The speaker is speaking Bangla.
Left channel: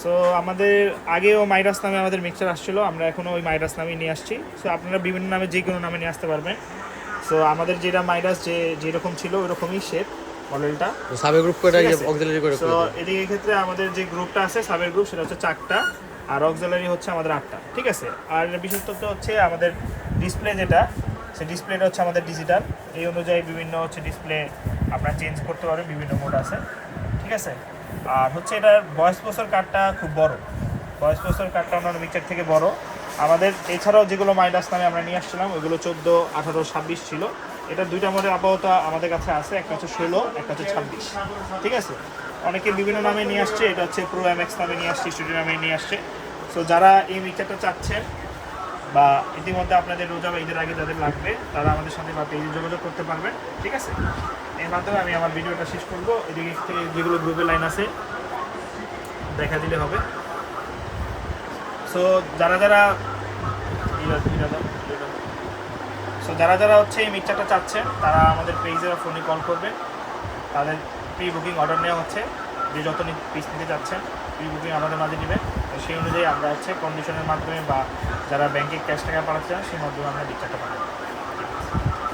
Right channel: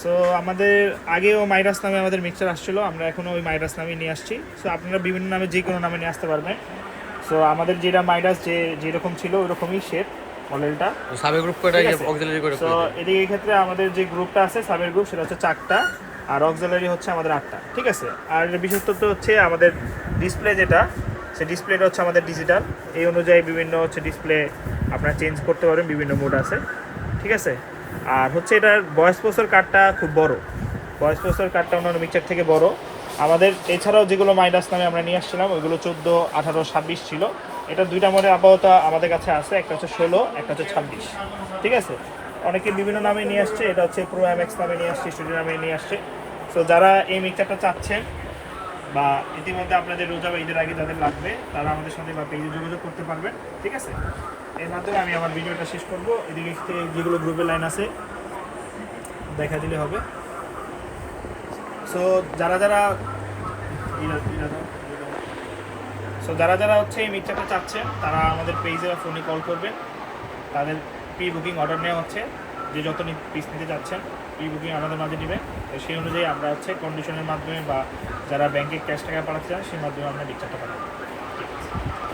সো আমাদের আগেও মাইরাস নামে আমাদের মিক্সচার আসছিল, আমরা এখনও ওই মাইরাস নামে নিয়ে আসছি। সো আপনারা বিভিন্ন নামে যে কোনো নামে নিয়ে আসতে পারবেন। সো আমাদের যেটা মাইরাস যেরকম ছিল ওইরকমই শেপ মডেলটা। তো সাবে গ্রুপ করে ঠিক আছে, অক্সিলারি করে সো করে দেয়। এদিকে ক্ষেত্রে আমাদের যে গ্রুপটা আছে সাবের গ্রুপ সেটা হচ্ছে 4টা, আর অক্সিলারি হচ্ছে আমাদের 8টা। ঠিক আছে, আর বিশেষত্ব হচ্ছে আমাদের ডিসপ্লে যেটা, সেই ডিসপ্লেটা হচ্ছে আমাদের ডিজিটাল। এই অনুযায়ী বিভিন্ন হচ্ছে ডিসপ্লে আপনারা চেঞ্জ করতে পারবেন, বিভিন্ন মোড আছে। ঠিক আছে, আর হচ্ছে এটার ভয়েস প্রসেসর কার্ডটা খুব বড়, ভয়েস প্রসেসর কার্ডটা অন্যান্য মিক্সচার থেকে বড়। আমাদের এছাড়াও যেগুলো মাইডাস নামে আমরা নিয়ে আসছিলাম ওইগুলো 14, 18, 26 ছিল। এটা দুইটা মডেল আপাতত আমাদের কাছে আছে, একটা হচ্ছে 16, একটা হচ্ছে 26। ঠিক আছে, অনেকে বিভিন্ন নামে নিয়ে আসছে, এটা হচ্ছে প্রো এমএক্স নামে নিয়ে আসছে, স্টুডিও নামে নিয়ে আসছে। সো যারা এই মিক্সচারটা চাচ্ছেন বা ইতিমধ্যে আপনাদের রোজা বা ঈদের আগে যাদের লাগবে তারা আমাদের সাথে বা পেজে যোগাযোগ করতে পারবেন। ঠিক আছে, এর মাধ্যমে আমি আমার ভিডিওটা শেষ করবো। এদিকে থেকে যেগুলো গ্রুপের লাইন আছে দেখা দিলে হবে। সো যারা যারা যারা যারা হচ্ছে এই মিক্সচারটা চাচ্ছেন তারা আমাদের পেজে বা ফোনে কল করবেন। তাদের প্রি বুকিং অর্ডার নেওয়া হচ্ছে, যে যত পিস নিতে চাচ্ছেন প্রি বুকিং আমাদের মাঝে নেবেন। তো সেই অনুযায়ী আমরা হচ্ছে কন্ডিশনের মাধ্যমে বা যারা ব্যাংকে ক্যাশ টাকা পাঠাতে চান সেই মাধ্যমে আমরা মিক্সচারটা পাঠাবো।